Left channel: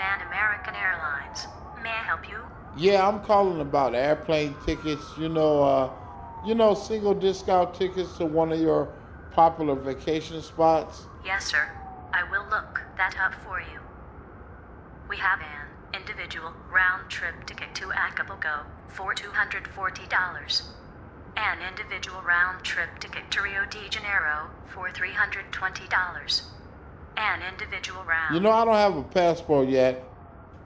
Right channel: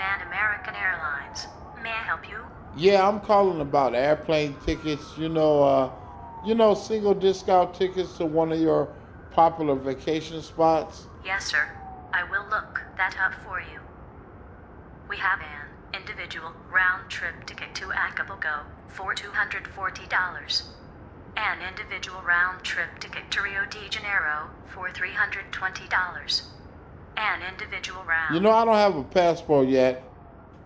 Pan American Airlines. May I help you? Yeah, I'm calling about airplane tickets. Single discount tickets to one of your popular vacation spots. Yes, sir. I will look that up for you. We have an individual round trip ticket to Acapulco for $240. An individual round trip ticket to Rio de Janeiro for $320. An individual round. I don't have a passport yet.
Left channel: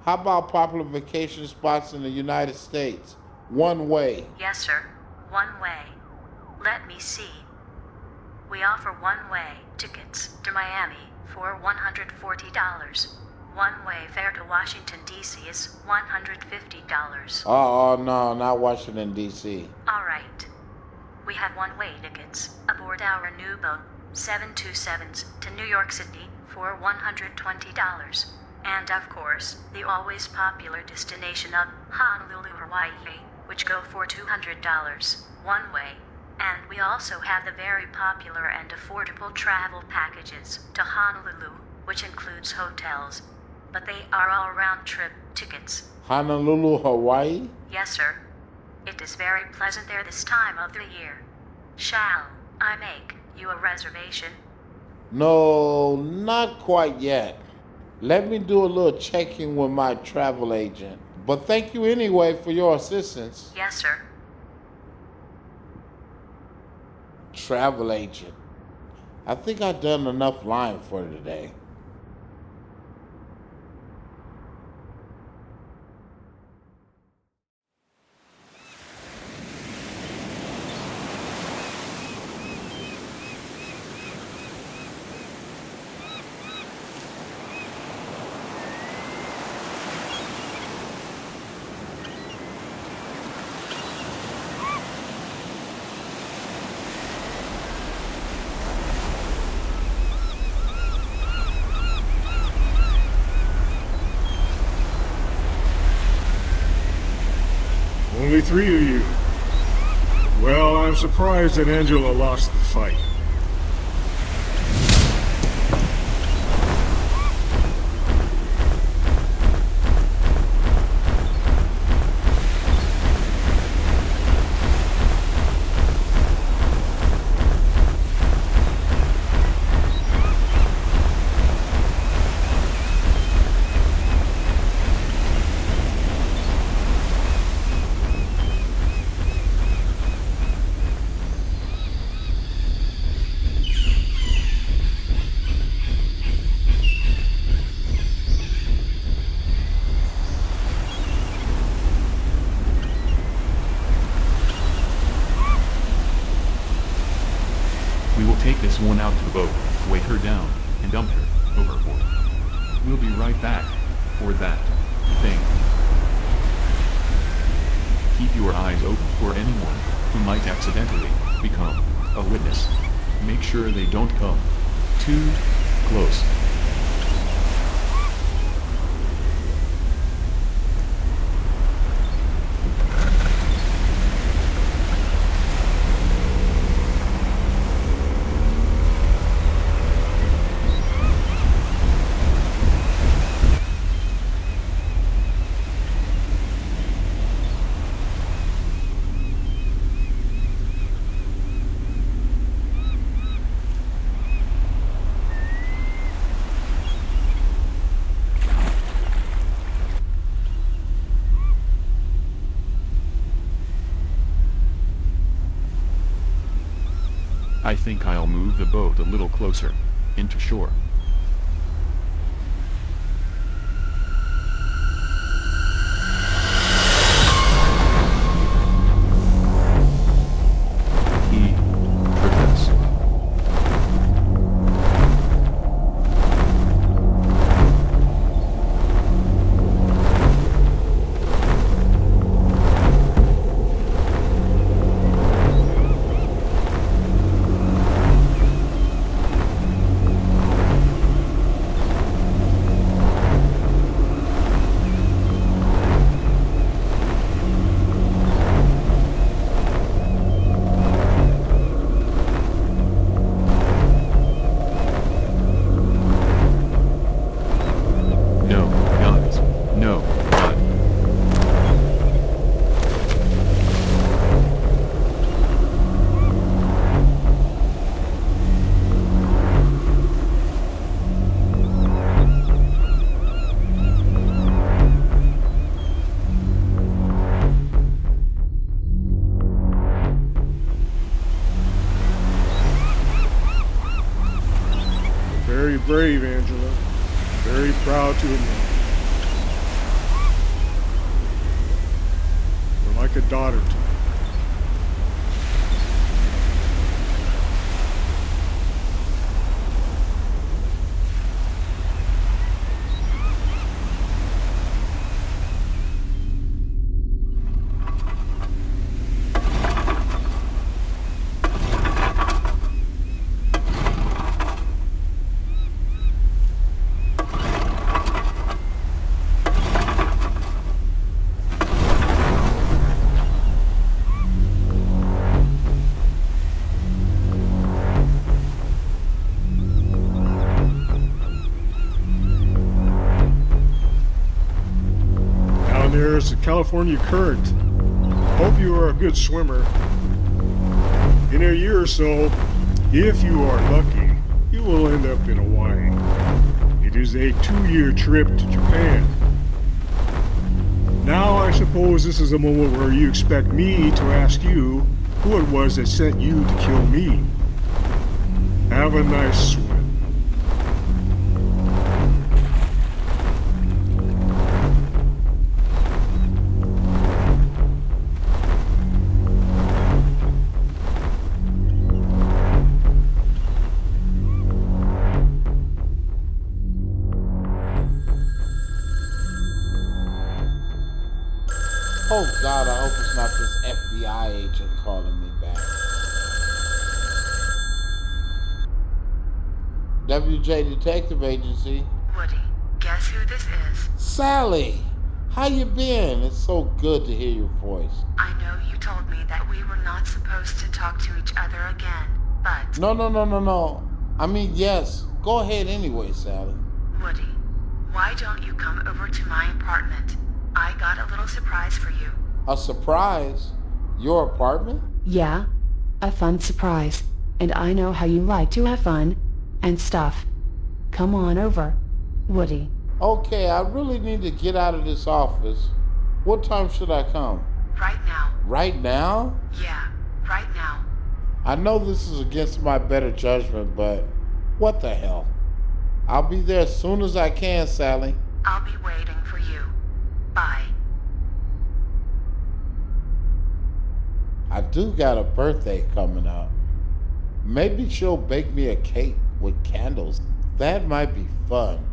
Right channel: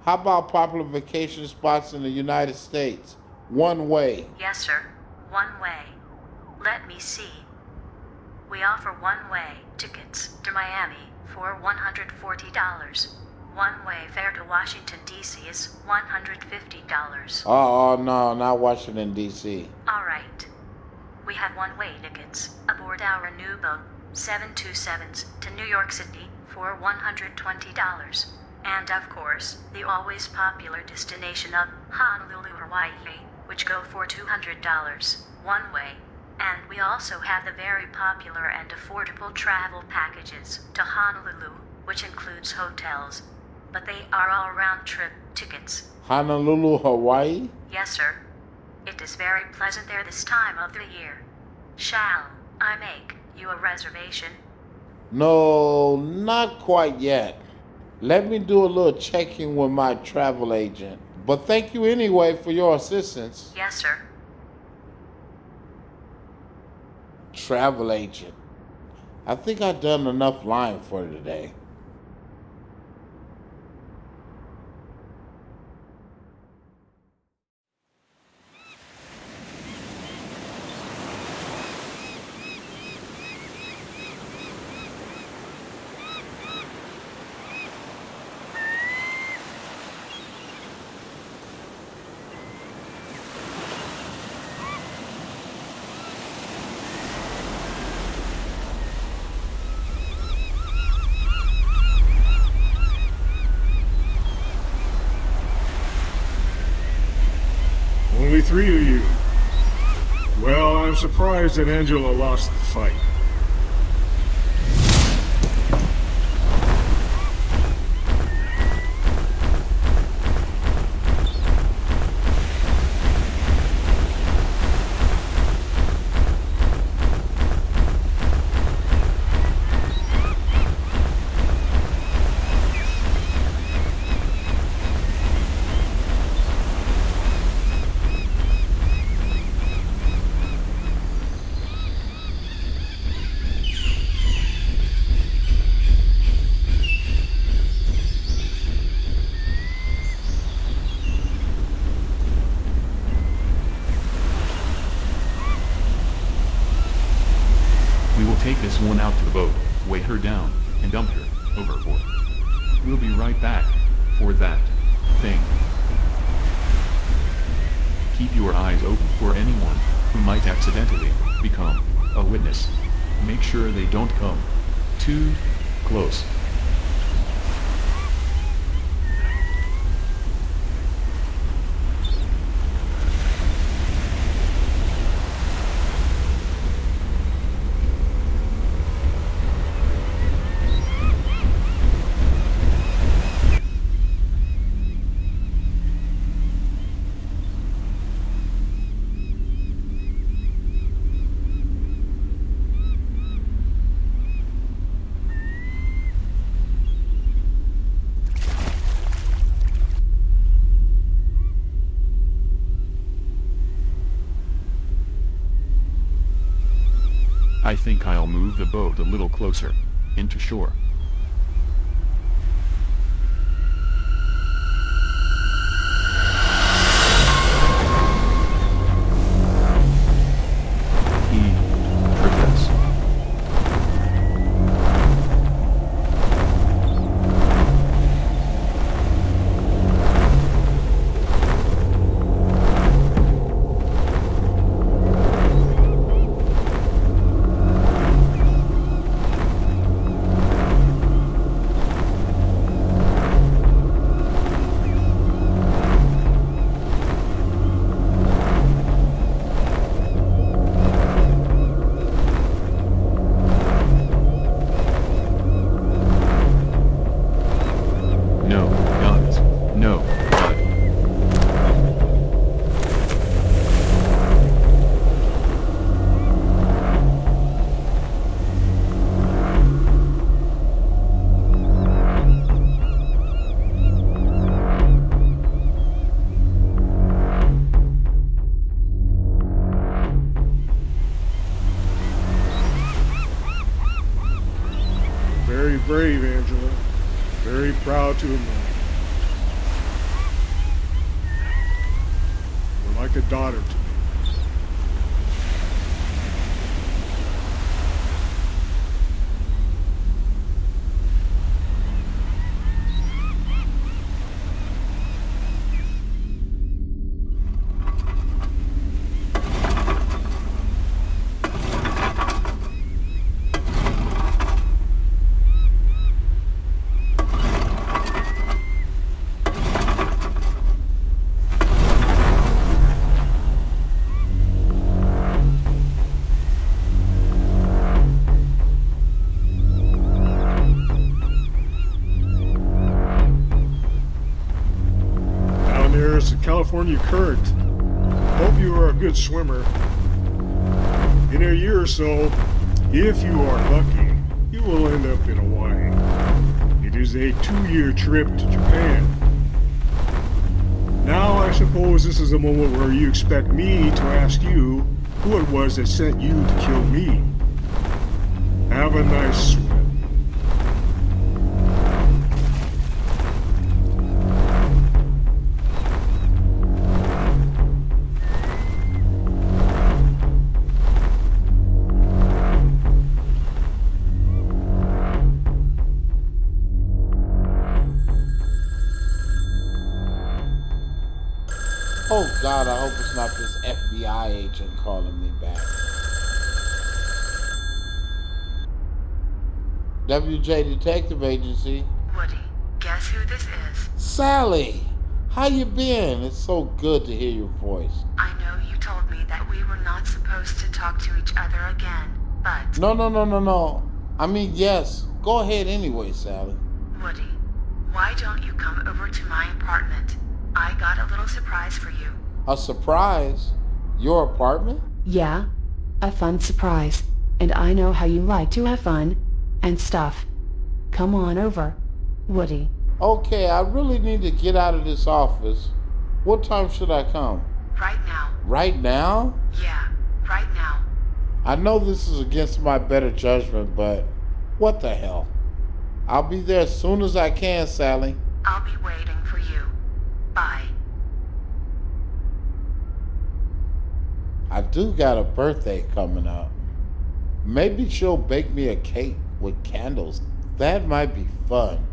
How about popular vacation spots in the United States? One way. Yes, sir. One way. Let me see. We offer one-way tickets to Miami for $140. One-way fare to Washington, D.C. is $150. Oh, no, not Washington, D.C. All right. We have one-way tickets aboard our new boat, 727s, to New York City for $120. And of course, the always popular destination of Honolulu, Hawaii, which go for $200 one way. And we also have the very popular and affordable travel packages to Honolulu, which includes hotels. But they are all round-trip tickets. Honolulu, Hawaii? Yes, sir. It is very pleasant there this time of the year. Shall I make you a reservation? No, not quite yet. Let me do a little checking with my travel agent. But thank you anyway for your assistance. Yes, sir. Travel agent. I think I've done enough lying for today. Only three of you. Well, I'm surprised that Angela lost the fight. We will take this one out to the boat, weigh her down, and dump her overboard. We'll be right back for that thing. Keep your eyes open for anyone who might accidentally become a witness. Make sure they don't come too close. I think I'll move the boat a little closer into shore. He tripped us. No, guns. No, but Very brave, Angela. Very proud to have known you. You're like a daughter to me. Down there's the California Current. Hope you are a good swimmer. In a year or so, if you are lucky, you will end up in Hawaii. It is a 2-year trip to Japan. Now I suppose this is a moment where you expect me to ask you who it was that sent you to kill me. Have a nice swim. Oh God, I hope it's not this FBI agent calling me back. WJ Detective Agency. Woody, guess who this is? Sally, how you been? It's so good to hear your voice. I know you told me that we were not supposed to talk to each other again, but... No. I mean, yes. Go ahead anyway, Sally. Woody, why don't you come over to my apartment? I got a little surprise for you. A surprise? Your apartment? Yeah, a fun surprise. And I know how you like to have fun and stuff. Come on over, Woody. Okay, I really need to get out of this office. What time should I come? Right now. Right now? Yeah, right now. I know this is against my better judgment, but what the hell? I'll be there as soon as I can, Sally. I'll be waiting for you. Bye. I do got a birthday coming up. Maybe she'll bake me a cake with candles. That might be fun.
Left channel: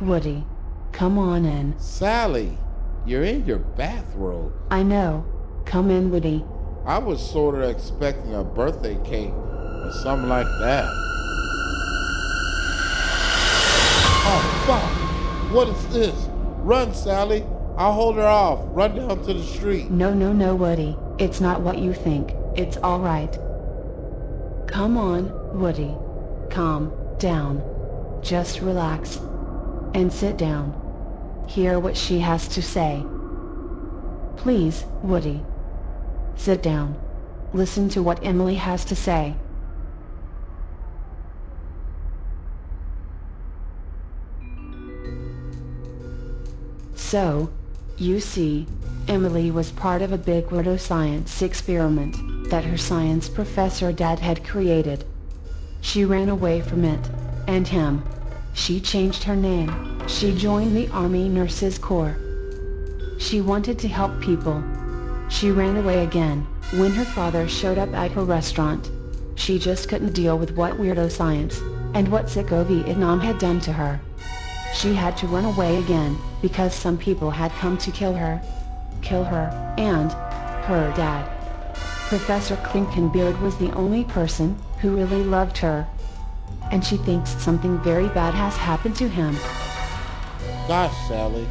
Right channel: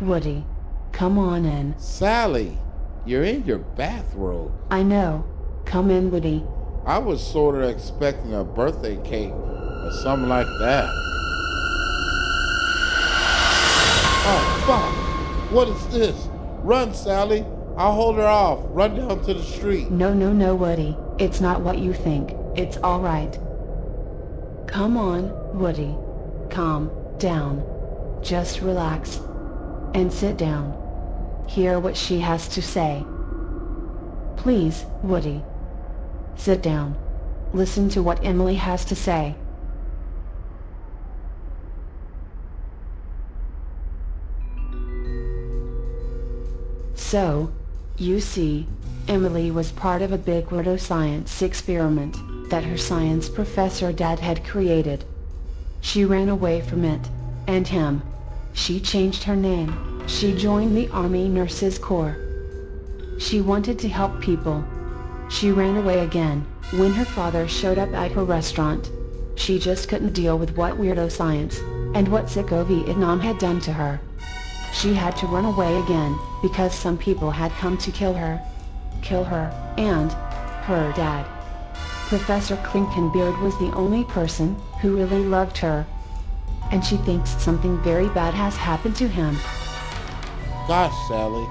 Woody, come on in. Sally, you're in your bathrobe. I know. Come in, Woody. I was sort of expecting a birthday cake or something like that. Oh, fuck. What is this? Run, Sally. I'll hold her off. Run down to the street. No, Woody. It's not what you think. It's all right. Come on, Woody. Calm down. Just relax. And sit down. Hear what she has to say. Please, Woody. Sit down. Listen to what Emily has to say. So, you see, Emily was part of a big weirdo science experiment that her science professor dad had created. She ran away from it, and him. She changed her name. She joined the Army Nurses Corps. She wanted to help people. She ran away again when her father showed up at her restaurant. She just couldn't deal with what weirdo science and what sicko Vietnam had done to her. She had to run away again because some people had come to kill her and her dad. Professor Klinkenbeard was the only person who really loved her, and she thinks something very bad has happened to him. Gosh, Sally,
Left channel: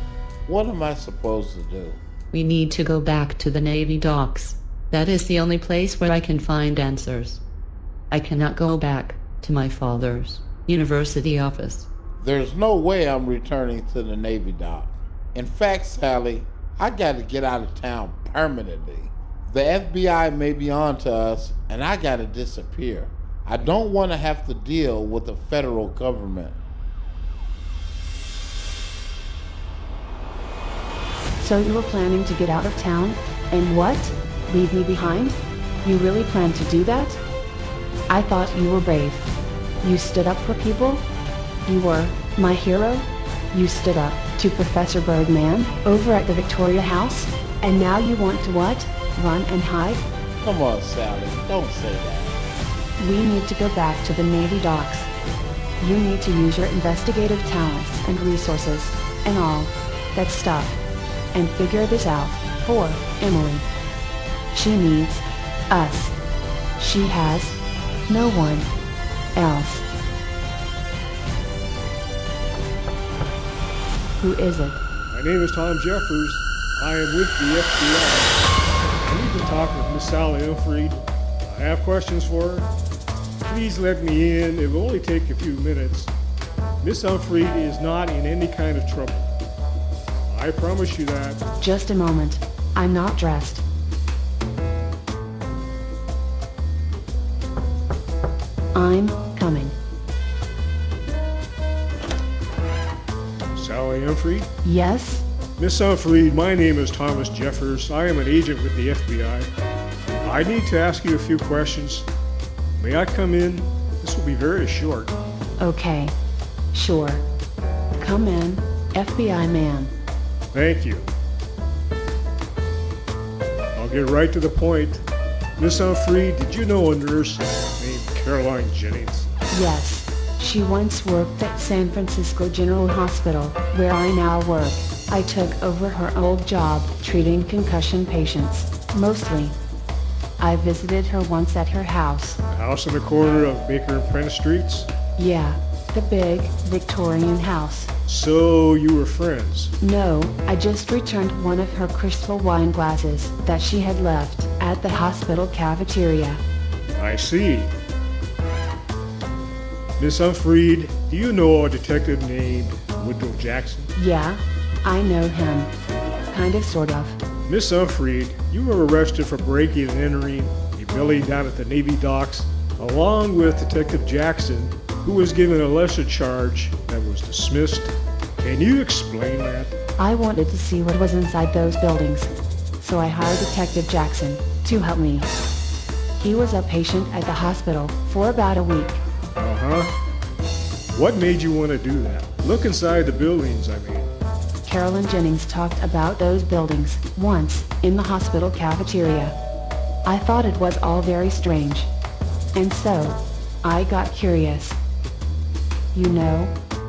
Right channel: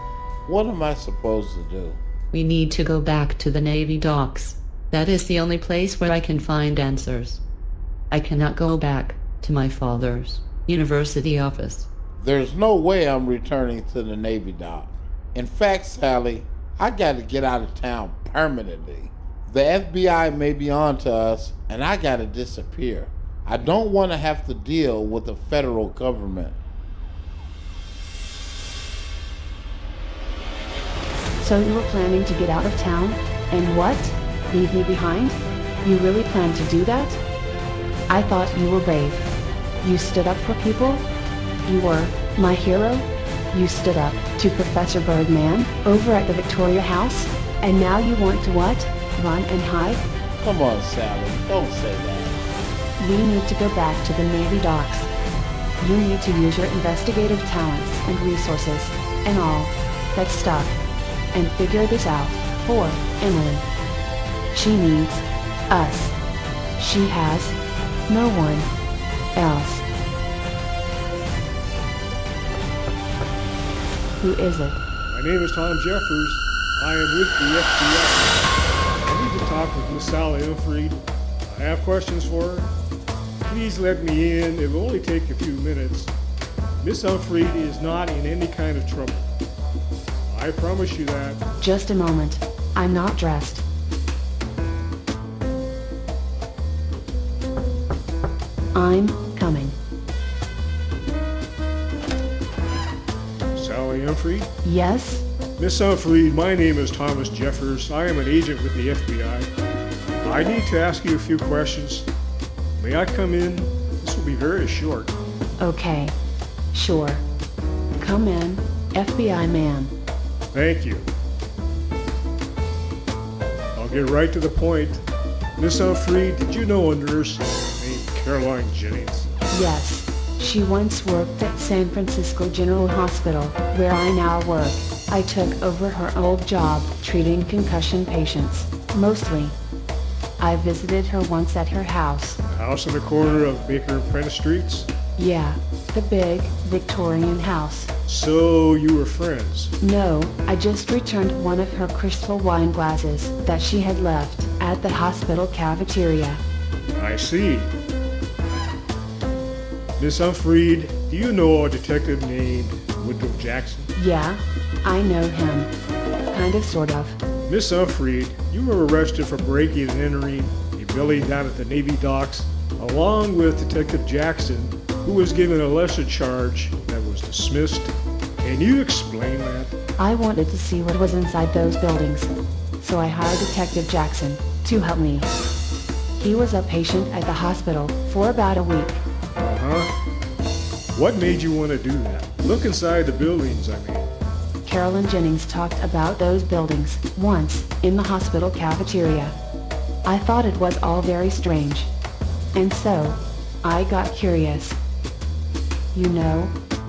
what am I supposed to do? We need to go back to the Navy docks. That is the only place where I can find answers. I cannot go back to my father's university office. There's no way I'm returning to the Navy dock. In fact, Sally, I gotta get out of town permanently. The FBI may be on to us, and I gotta disappear. I don't want to have to deal with the federal government. So you were planning to get out of town? And what? Leave me behind? You really planned to do that? I thought you were brave. You stood up for people? You were my hero? You stood up to Professor Birdman over at the Victoria House? And now you want to what? Run and hide? Come on, Sally, don't say that. We need to go back to the Navy docks. You need to use your investigative talents and resources and all that stuff and figure this out for Emily. She needs us. She has no one else. Who is it? My name is Tom Jeffers. I am with the FBI. I need to talk with Miss Sally Unfried. I have questions for her. Please let me in. It will only take a few minutes. Miss Unfried is not in any kind of trouble. I promise you that. Just a moment. I'm not dressed. I'm coming. Sally Unfried? Yes? Miss Unfried, my name is Thomas Jeffers. I am an agent with the FBI. I need to ask you a few questions. May I come in? This will be very short. Okay. Sure. Come in, FBI man. Thank you. I'll get right to the point. Miss Unfried, did you know a nurse named Caroline Jennings? Yes. She once worked at San Francisco General Hospital, where I now work. I took over her old job, treating concussion patients, mostly. I visited her once at her house. The house on the corner of Baker and Prentice Streets? Yeah, the big Victorian house. So you were friends? No, I just returned one of her crystal wine glasses that she had left at the hospital cafeteria. I see. Miss Unfried, do you know a detective named Woodrow Jackson? Yeah, I know him. Kind of, sort of. Miss Unfried, you were arrested for breaking and entering a building down at the Navy docks, along with Detective Jackson, who was given a lesser charge that was dismissed. Can you explain that? I wanted to see what was inside those buildings, so I hired Detective Jackson to help me. He was a patient at the hospital for about a week. Uh-huh. What made you want to do that? Look inside the buildings, I mean. Carolyn Jennings talked about those buildings once in the hospital cafeteria. I thought it was all very strange. And so, I got curious. You know,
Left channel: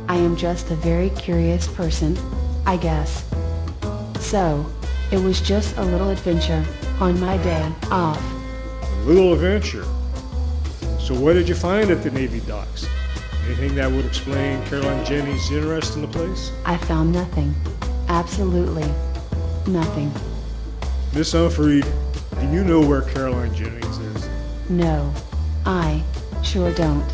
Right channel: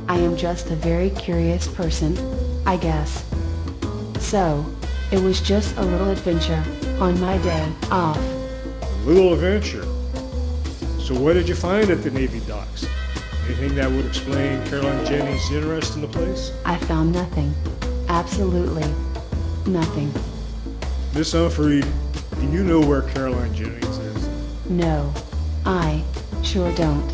I am just a very curious person, I guess. So, it was just a little adventure on my day off. A little adventure. So what did you find at the Navy docks? Anything that would explain Caroline Jennings' interest in the place? I found nothing. Absolutely Nothing. Miss Unfried, do you know where Caroline Jennings is? No. I sure don't.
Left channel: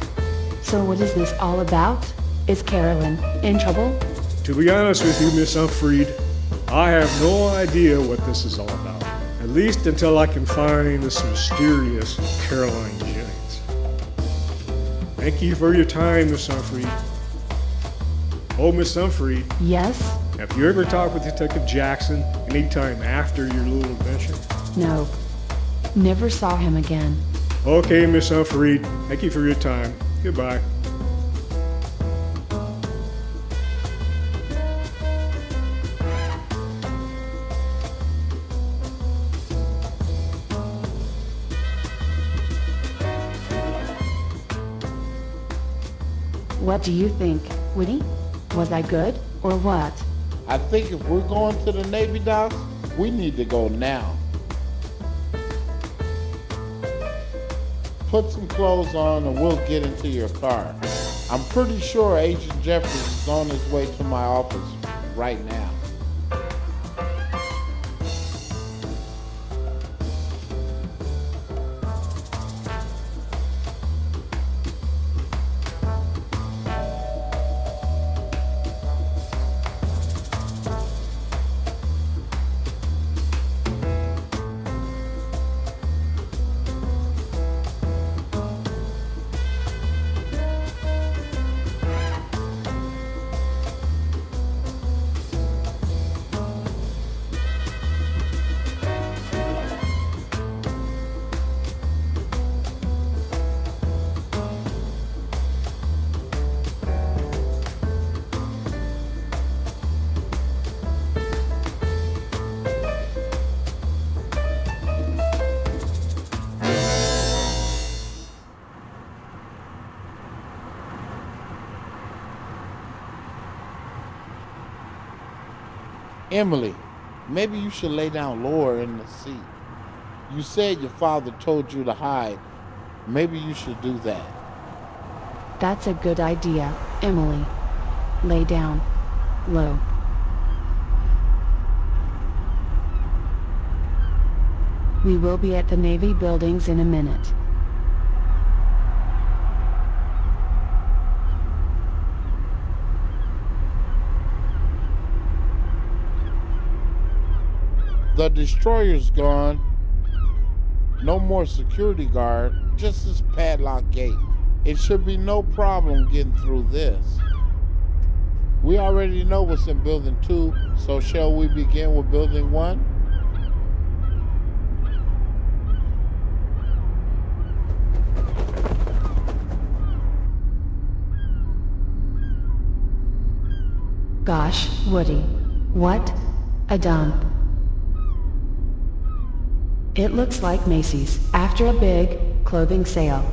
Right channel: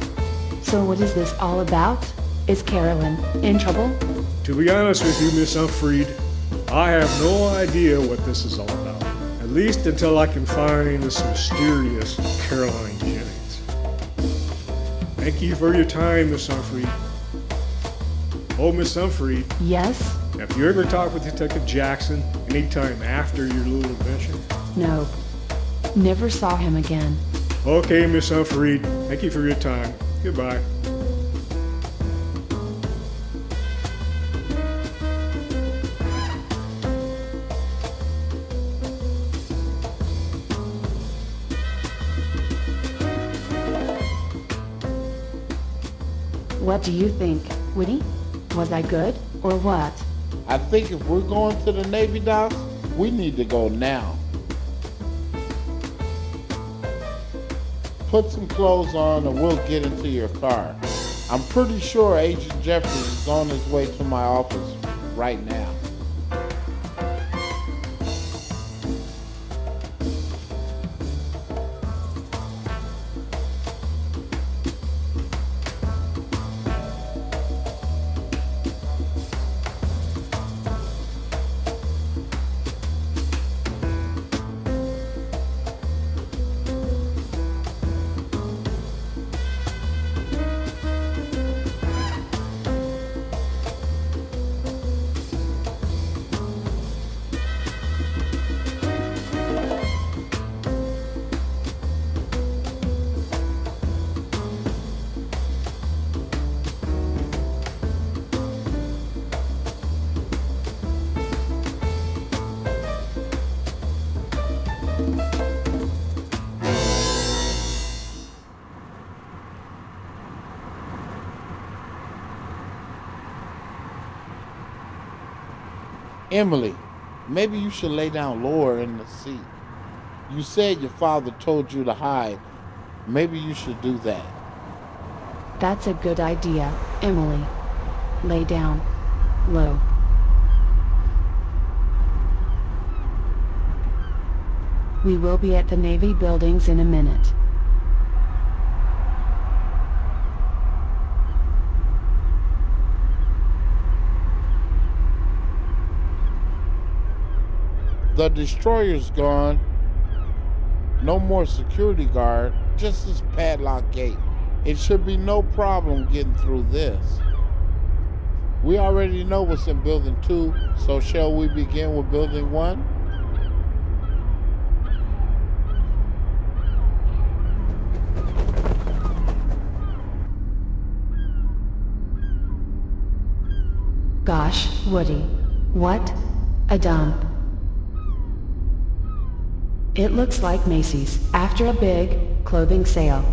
So what is this all about? Is Carolyn in trouble? To be honest with you, Miss Unfried, I have no idea what this is all about. At least until I can find this mysterious Caroline Jennings. Thank you for your time, Miss Unfried. Oh, Miss Unfried, Yes? have you ever talked with Detective Jackson anytime after your little adventure? No. Never saw him again. Okay, Miss Unfried, thank you for your time. Goodbye. What do you think, Woody? Was I good or what? I think if we're going to the Navy docks, we need to go now. Put some clothes on and we'll get into your car. I'm pretty sure Agent Jeffries is on his way to my office right now. Emily, maybe you should lay down lower in the seat. You said your father told you to hide. Maybe you should do that. That's a good idea, Emily. Lay down. Low. We will be at the Navy buildings in a minute. The destroyer's gone. No more security guard, just this padlock gate. It should be no problem getting through this. We already know what's in building 2, so shall we begin with building 1? Gosh, Woody. What a dump. It looks like Macy's after a big clothing sale.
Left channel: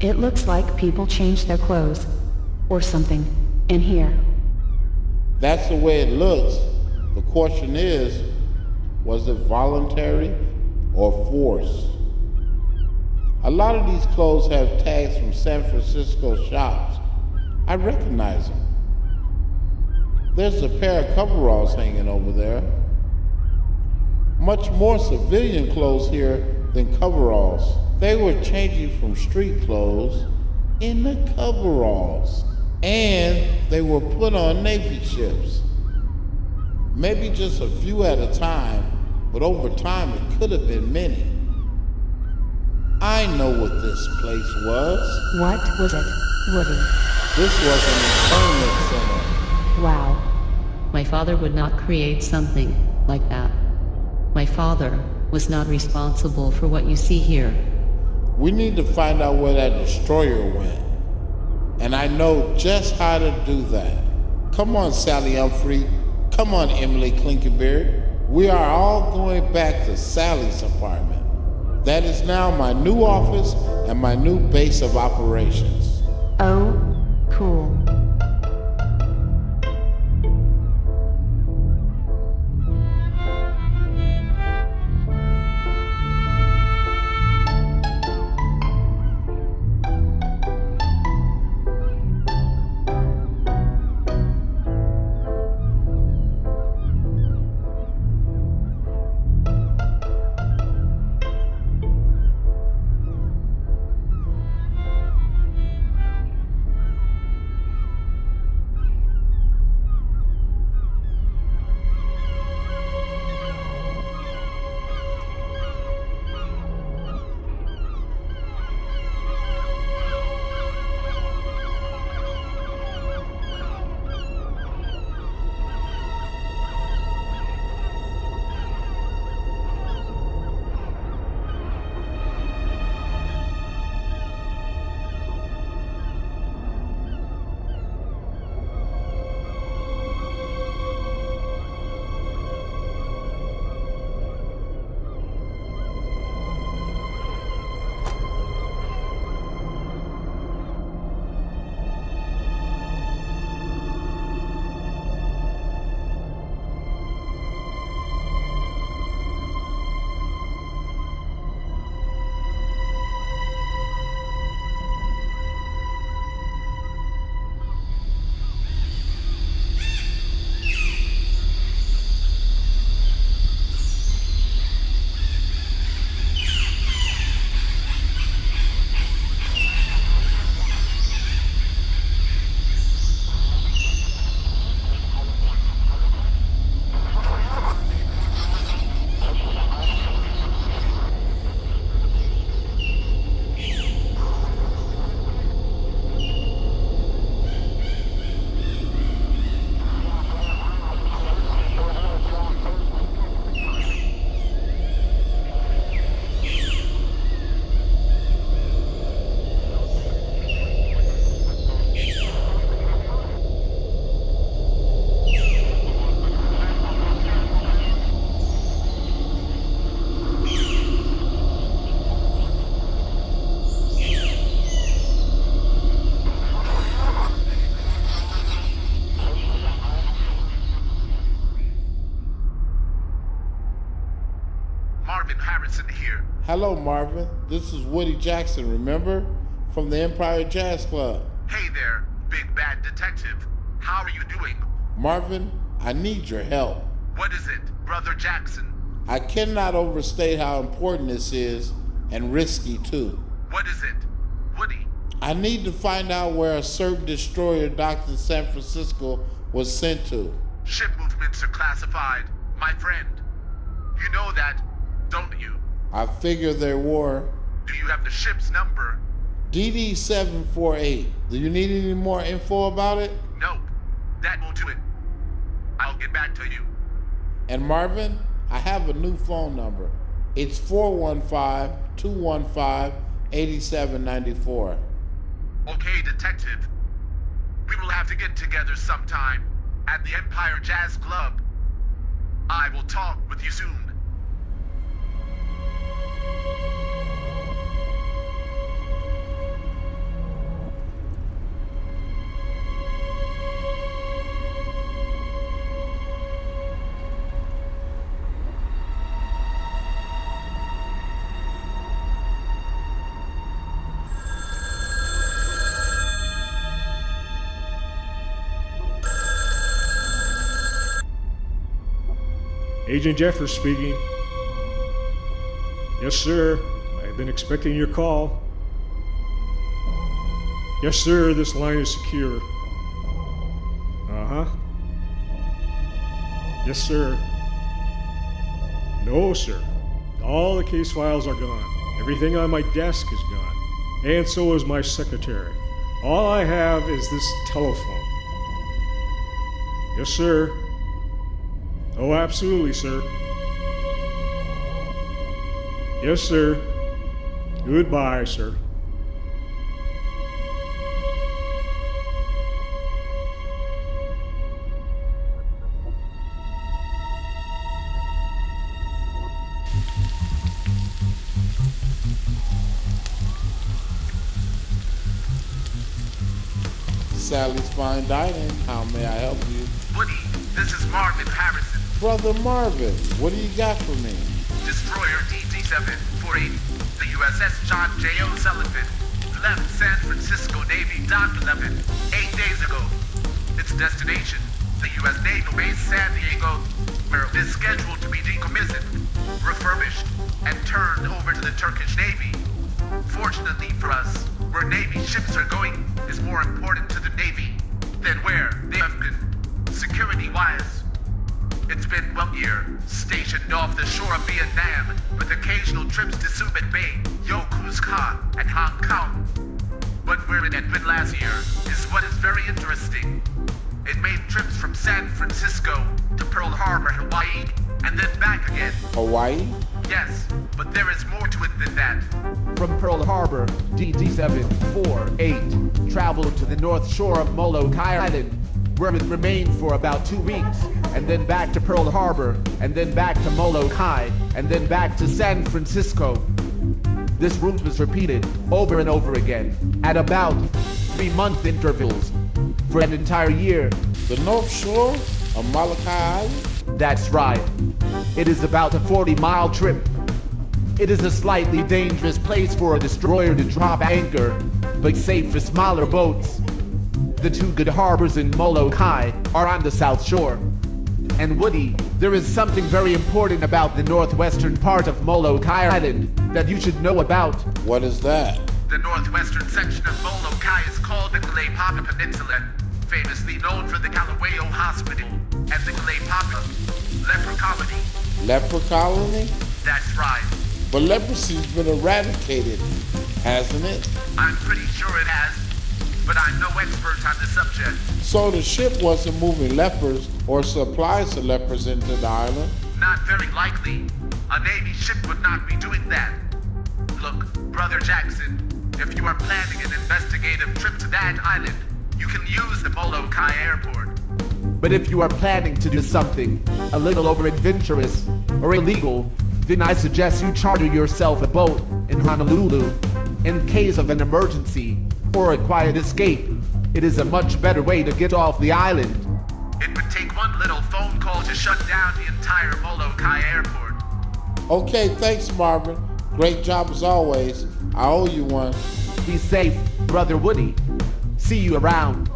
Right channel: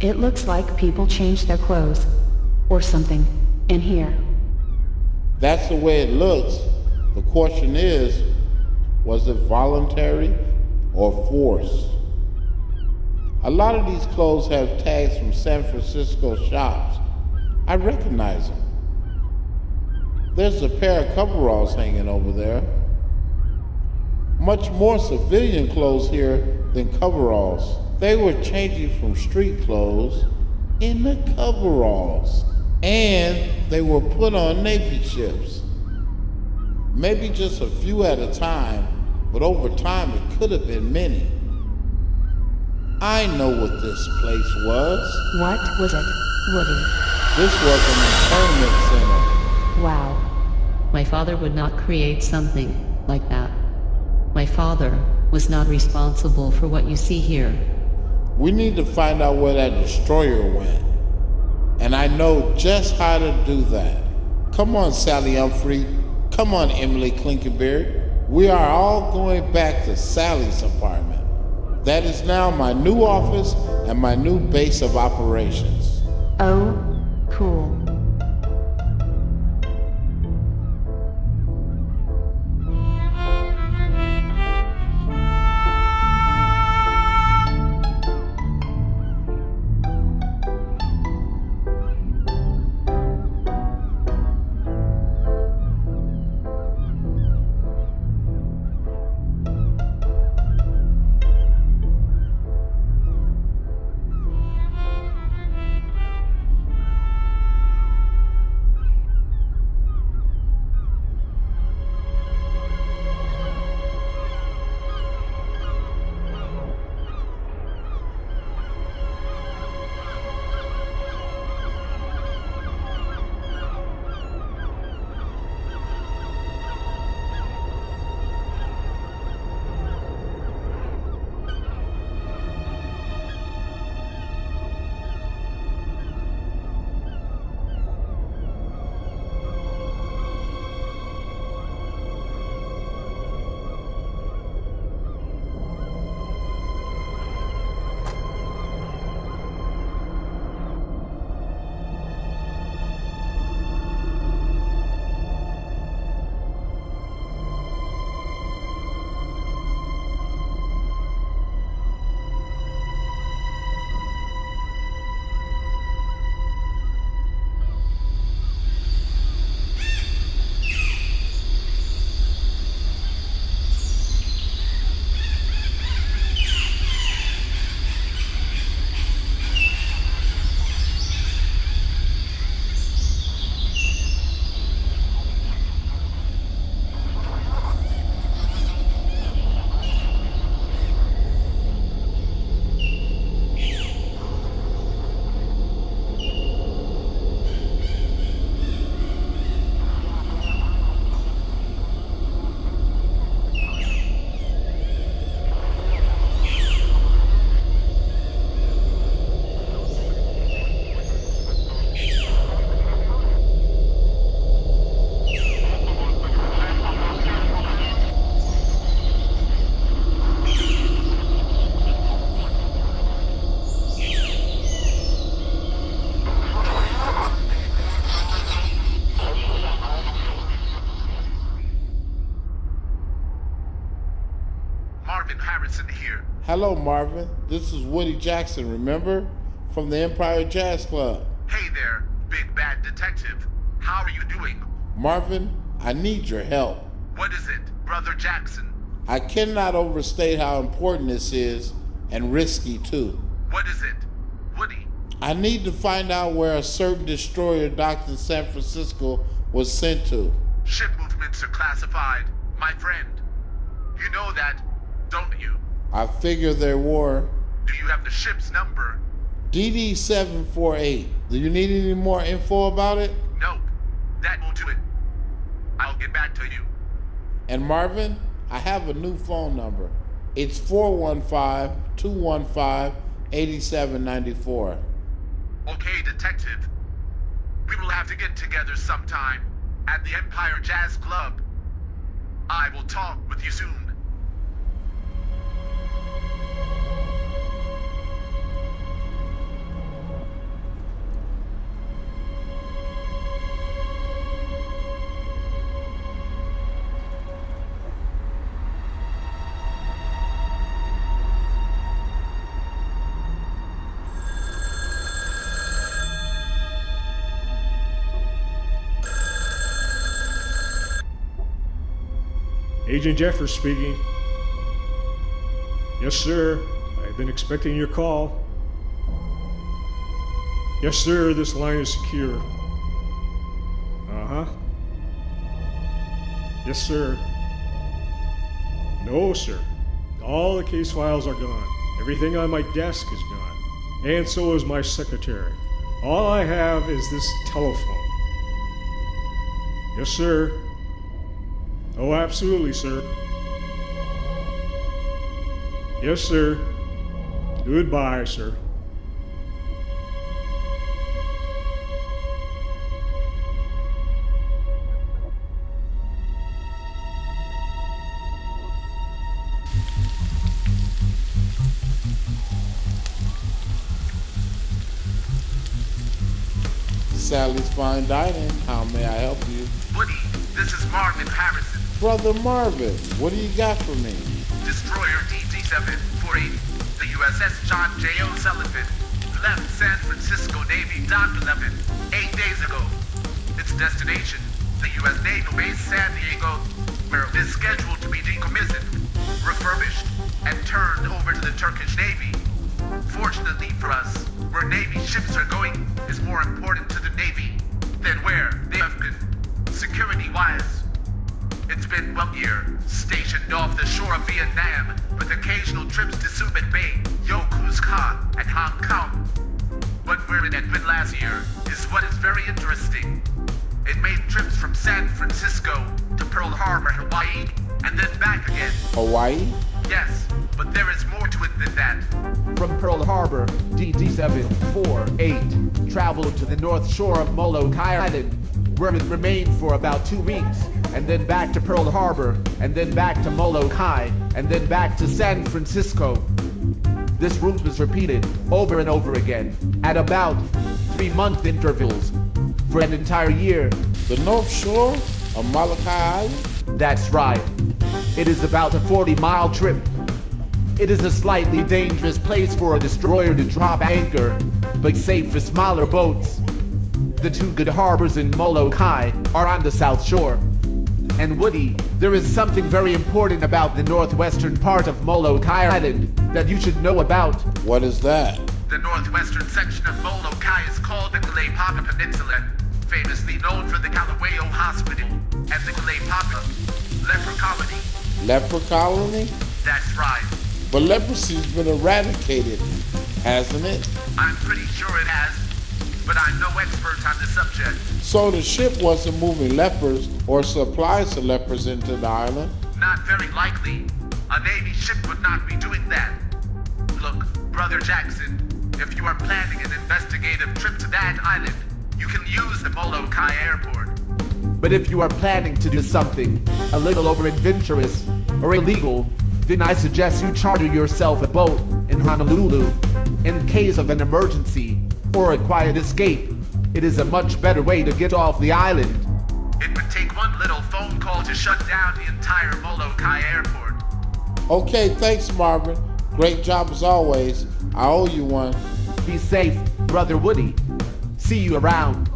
It looks like people changed their clothes or something in here. That's the way it looks. The question is, was it voluntary or forced? A lot of these clothes have tags from San Francisco shops. I recognize them. There's a pair of coveralls hanging over there. Much more civilian clothes here than coveralls. They were changing from street clothes into coveralls. And they were put on Navy ships. Maybe just a few at a time, but over time it could have been many. I know what this place was. What was it, Woody? This was an internment center. Wow. My father would not create something like that. My father was not responsible for what you see here. We need to find out where that destroyer went. And I know just how to do that. Come on, Sally Unfried. Come on, Emily Klinkenbeard. We are all going back to Sally's apartment. That is now my new office and my new base of operations. Oh, cool. Hello, Marvin. This is Woody Jackson, remember? From the Empire Jazz Club. Hey there, big bad detective. How are you doing? Marvin, I need your help. What is it, Brother Jackson? I cannot overstate how important this is, and risky too. What is it? Woody, I need to find out where a certain destroyer docked in San Francisco was sent to. ship movements are classified, my friend. You know that, don't you? I figure there were. Do you have the ship's number? DD748. Do you need any more info about it? Nope. That will do it. I'll get back to you. And Marvin, I have a new phone number. It's 415-215-8794. Okay, detective. We will have to get together sometime at the Empire Jazz Club. I will talk with you soon. Agent Jeffers speaking. Yes, sir. I've been expecting your call. Yes, sir. This line is secure. Uh-huh. Yes, sir. No, sir. All the case files are gone. Everything on my desk is gone. And so is my secretary. All I have is this telephone. Yes, sir. Oh, absolutely, sir. Yes, sir. Goodbye, sir. Sally's Fine Dining. How may I help you? Woody, this is Marvin Harrison. Brother Marvin, what do you got for me? Destroyer DT-748, the USS John J. O'Sullivan, left San Francisco Navy Dock 11 8 days ago. Its destination, the U.S. Naval Base San Diego, where it is scheduled to be decommissioned, refurbished, and turned over to the Turkish Navy. Fortunately for us, where Navy ships are going is more important to the Navy than where they have been, security-wise. It's been 1 year, stationed off the shore of Vietnam, with occasional trips to Subic Bay, Yokosuka, and Hong Kong. But where it had been last year is what is very interesting. It made trips from San Francisco to Pearl Harbor, Hawaii, and then back again. Hawaii? Yes, but there is more to it than that. From Pearl Harbor, DT-748 traveled to the north shore of Molokai Island, where it remained for about 2 weeks, and then back to Pearl Harbor, and then back to Molokai, and then back to San Francisco. This route was repeated over and over again, at about 3-month intervals, for an entire year. The North Shore of Molokai Island? That's right. It is about a 40-mile trip. It is a slightly dangerous place for a destroyer to drop anchor, but safe for smaller boats. The two good harbors in Molokai are on the south shore. And Woody, there is something very important about the northwestern part of Molokai Island that you should know about. What is that? The northwestern section of Molokai is called the Kalaipaka Peninsula, famously known for the Kalawao Hospital and the Kalaipaka Leper Colony. Leper colony? That's right. But leprosy's been eradicated, hasn't it? I'm pretty sure it has, but I'm no expert on the subject. So the ship wasn't moving lepers or supplies of lepers into the island? Not very likely. A Navy ship would not be doing that. Look, Brother Jackson, if you are planning an investigative trip to that island, you can use the Molokai airport. But if you are planning to do something a little over-adventurous or illegal, then I suggest you charter yourself a boat in Honolulu. In case of an emergency or a quiet escape, it is a much better way to get off the island. It would take one little phone call to shut down the entire Molokai airport. Okay, thanks, Marvin. Great job as always. I owe you one. Be safe, Brother Woody. See you around.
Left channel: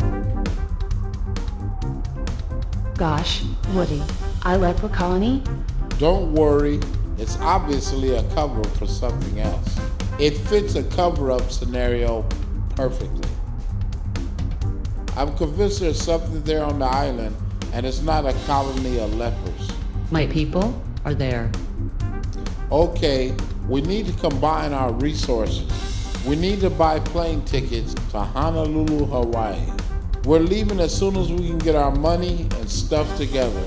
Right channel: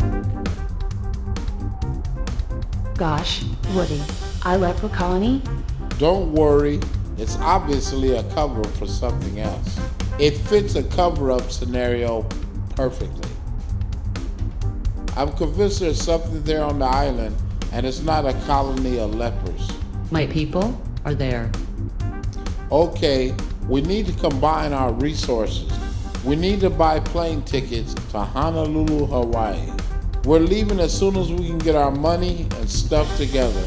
Gosh, Woody, Ilepa Colony? Don't worry, it's obviously a cover for something else. It fits a cover-up scenario perfectly. I'm convinced there's something there on the island, and it's not a colony of lepers. My people are there. Okay, we need to combine our resources. We need to buy plane tickets to Honolulu, Hawaii. We're leaving as soon as we can get our money and stuff together.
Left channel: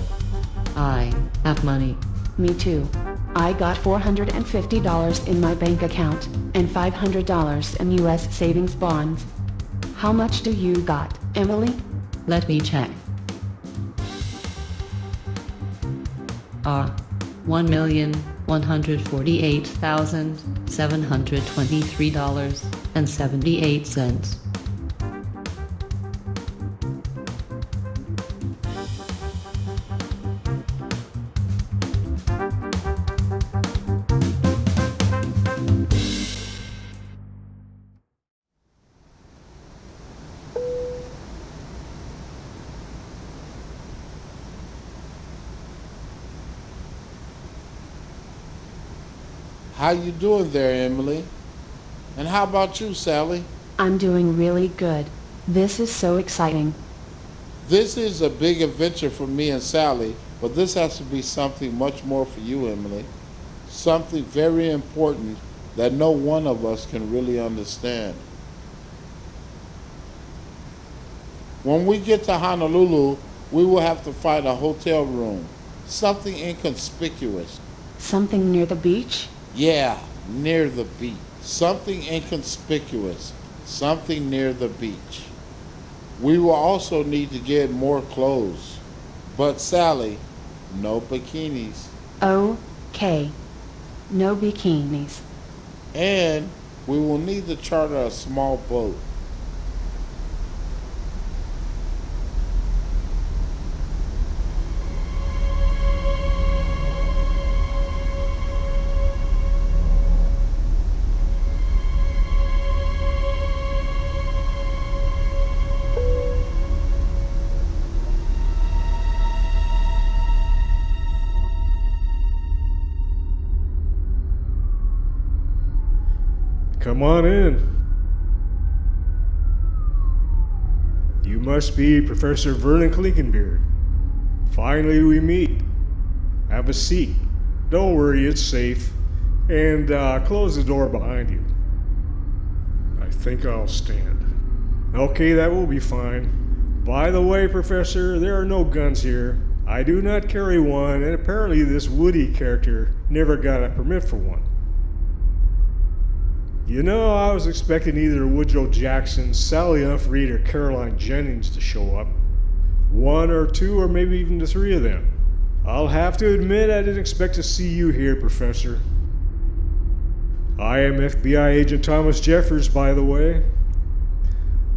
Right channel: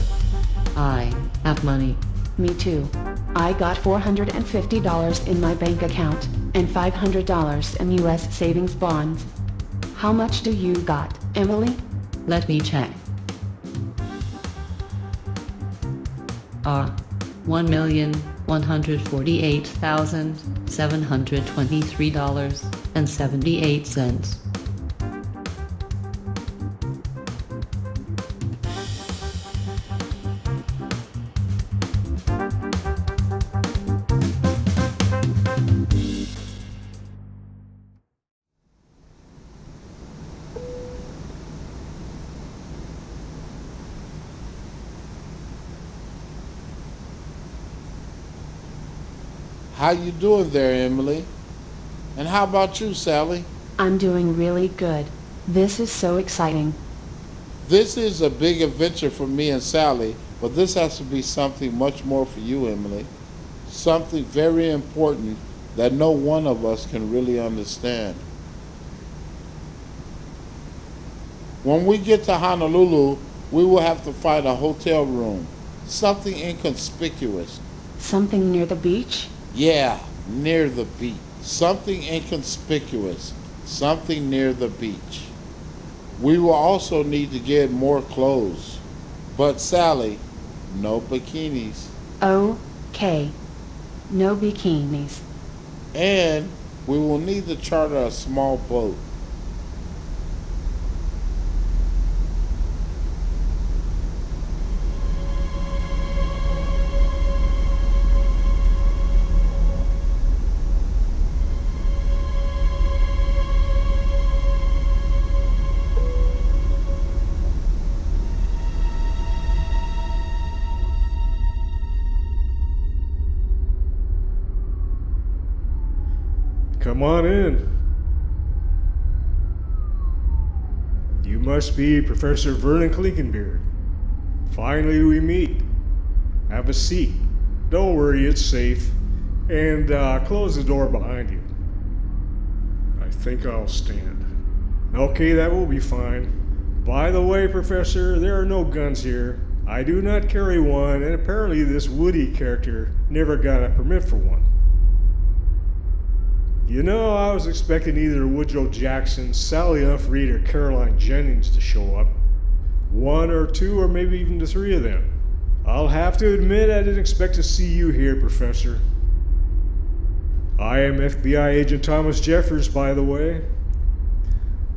I have money. Me too. I got $450 in my bank account and $500 in U.S. savings bonds. How much do you got, Emily? Let me check. $1,148,723.78. How you doing there, Emily? And how about you, Sally? I'm doing really good. This is so exciting. This is a big adventure for me and Sally, but this has to be something much more for you, Emily. Something very important that no one of us can really understand. When we get to Honolulu, we will have to find a hotel room. Something inconspicuous. Something near the beach? Yeah, near the beach. Something inconspicuous. Something near the beach. We will also need to get more clothes. But Sally, no bikinis. Okay. No bikinis. And we will need to charter a small boat. Come on in. You must be Professor Vernon Klinkenbeard. Finally we meet. Have a seat. Don't worry, it's safe. And close the door behind you. I think I'll stand. Okay, that will be fine. By the way, Professor, there are no guns here. I do not carry one, and apparently this Woody character never got a permit for one. You know, I was expecting either Woodrow Jackson, Sally Unfried, or Caroline Jennings to show up. One or two, or maybe even the three of them. I'll have to admit I didn't expect to see you here, Professor. I am FBI Agent Thomas Jeffers, by the way.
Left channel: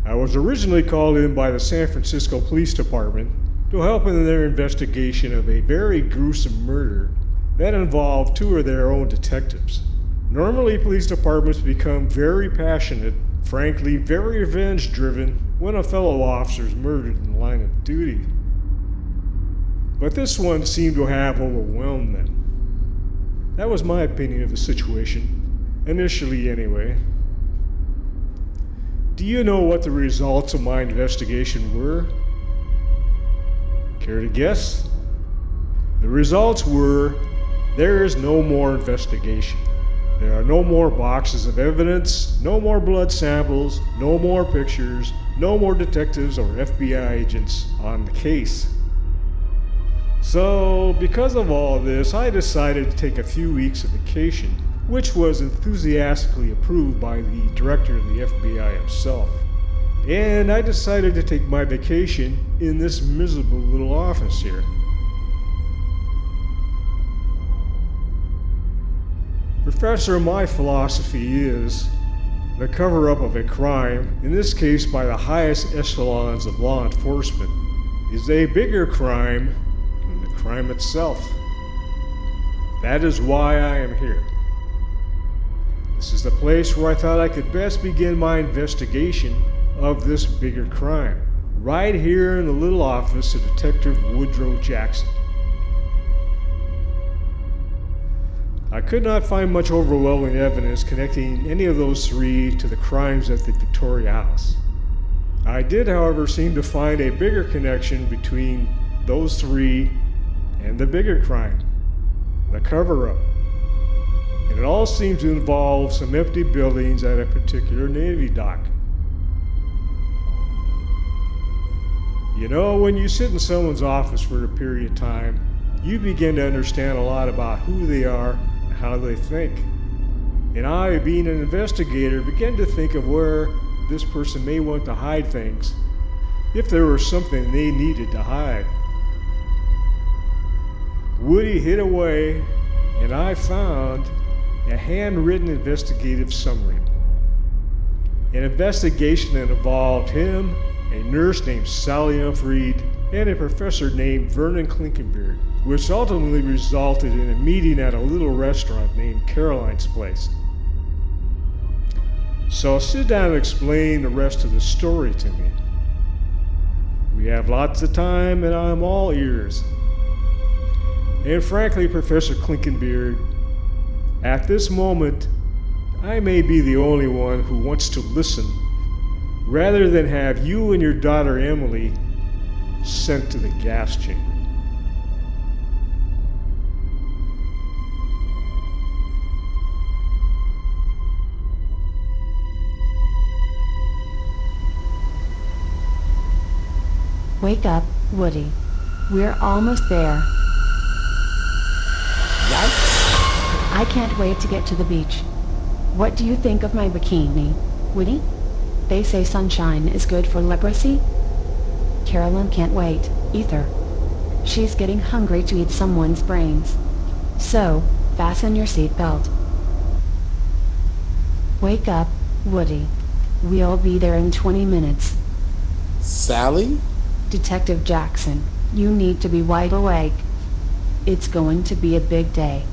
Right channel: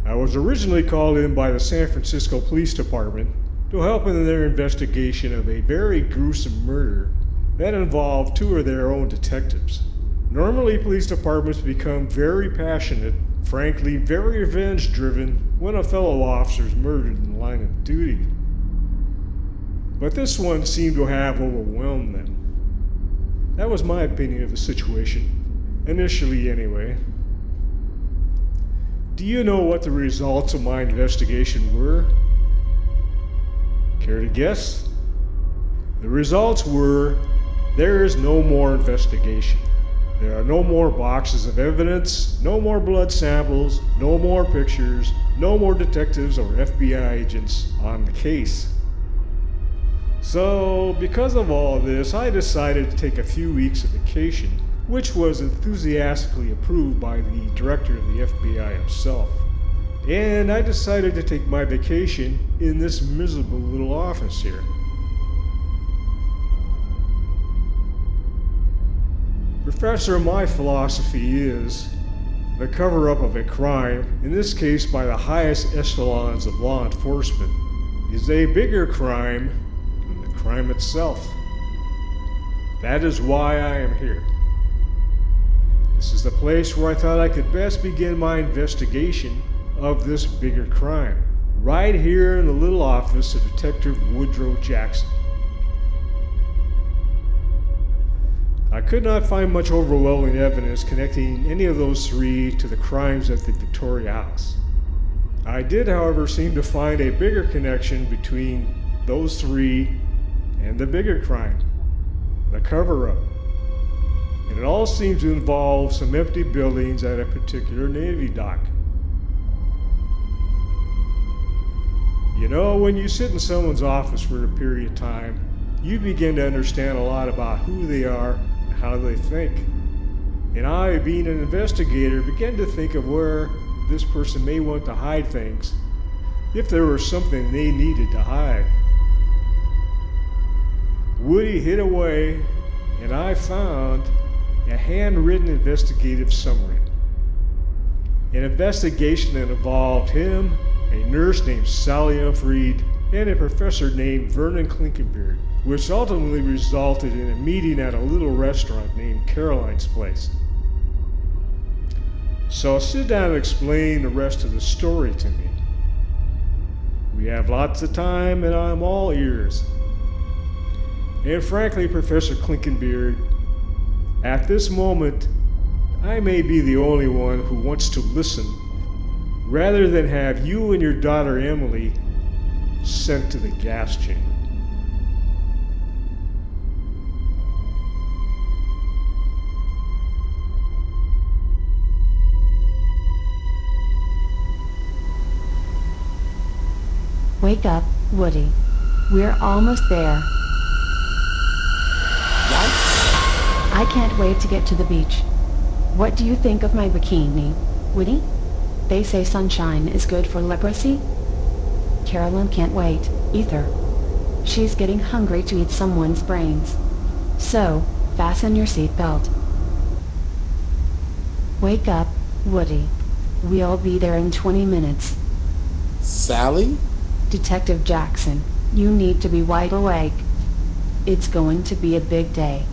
I was originally called in by the San Francisco Police Department to help in their investigation of a very gruesome murder that involved two of their own detectives. Normally, police departments become very passionate, frankly, very revenge-driven when a fellow officer is murdered in the line of duty. But this one seemed to have overwhelmed them. That was my opinion of the situation, initially anyway. Do you know what the results of my investigation were? Care to guess? The results were, there is no more investigation. There are no more boxes of evidence, no more blood samples, no more pictures, no more detectives or FBI agents on the case. So, because of all this, I decided to take a few weeks of vacation, which was enthusiastically approved by the director of the FBI himself. And I decided to take my vacation in this miserable little office here. Professor, my philosophy is the cover-up of a crime, in this case by the highest echelons of law enforcement, is a bigger crime than the crime itself. That is why I am here. This is the place where I thought I could best begin my investigation of this bigger crime. Right here in the little office of Detective Woodrow Jackson. I could not find much overwhelming evidence connecting any of those three to the crimes at the Victoria House. I did, however, seem to find a bigger connection between those three and the bigger crime, the cover-up. And it all seems to involve some empty buildings at a particular Navy dock. You know, when you sit in someone's office for a period of time, you begin to understand a lot about who they are and how they think. And I, being an investigator, began to think of where this person may want to hide things, if there was something they needed to hide. Woody hid away, and I found a handwritten investigative summary. An investigation that involved him, a nurse named Sally Unfried, and a professor named Vernon Klinkenbeard, which ultimately resulted in a meeting at a little restaurant named Caroline's Place. So sit down and explain the rest of the story to me. We have lots of time and I'm all ears. And frankly, Professor Klinkenbeard, at this moment, I may be the only one who wants to listen rather than have you and your daughter Emily sent to the gas chamber. Wake up, Woody. We're almost there. Yikes. I can't wait to get to the beach. What do you think of my bikini, Woody? They say sunshine is good for leprosy. Carolyn can't wait, either. She's getting hungry to eat someone's brains. So, fasten your seatbelt. Wake up, Woody. We'll be there in 20 minutes. Sally? Detective Jackson, you need to be wide awake. It's going to be a big day.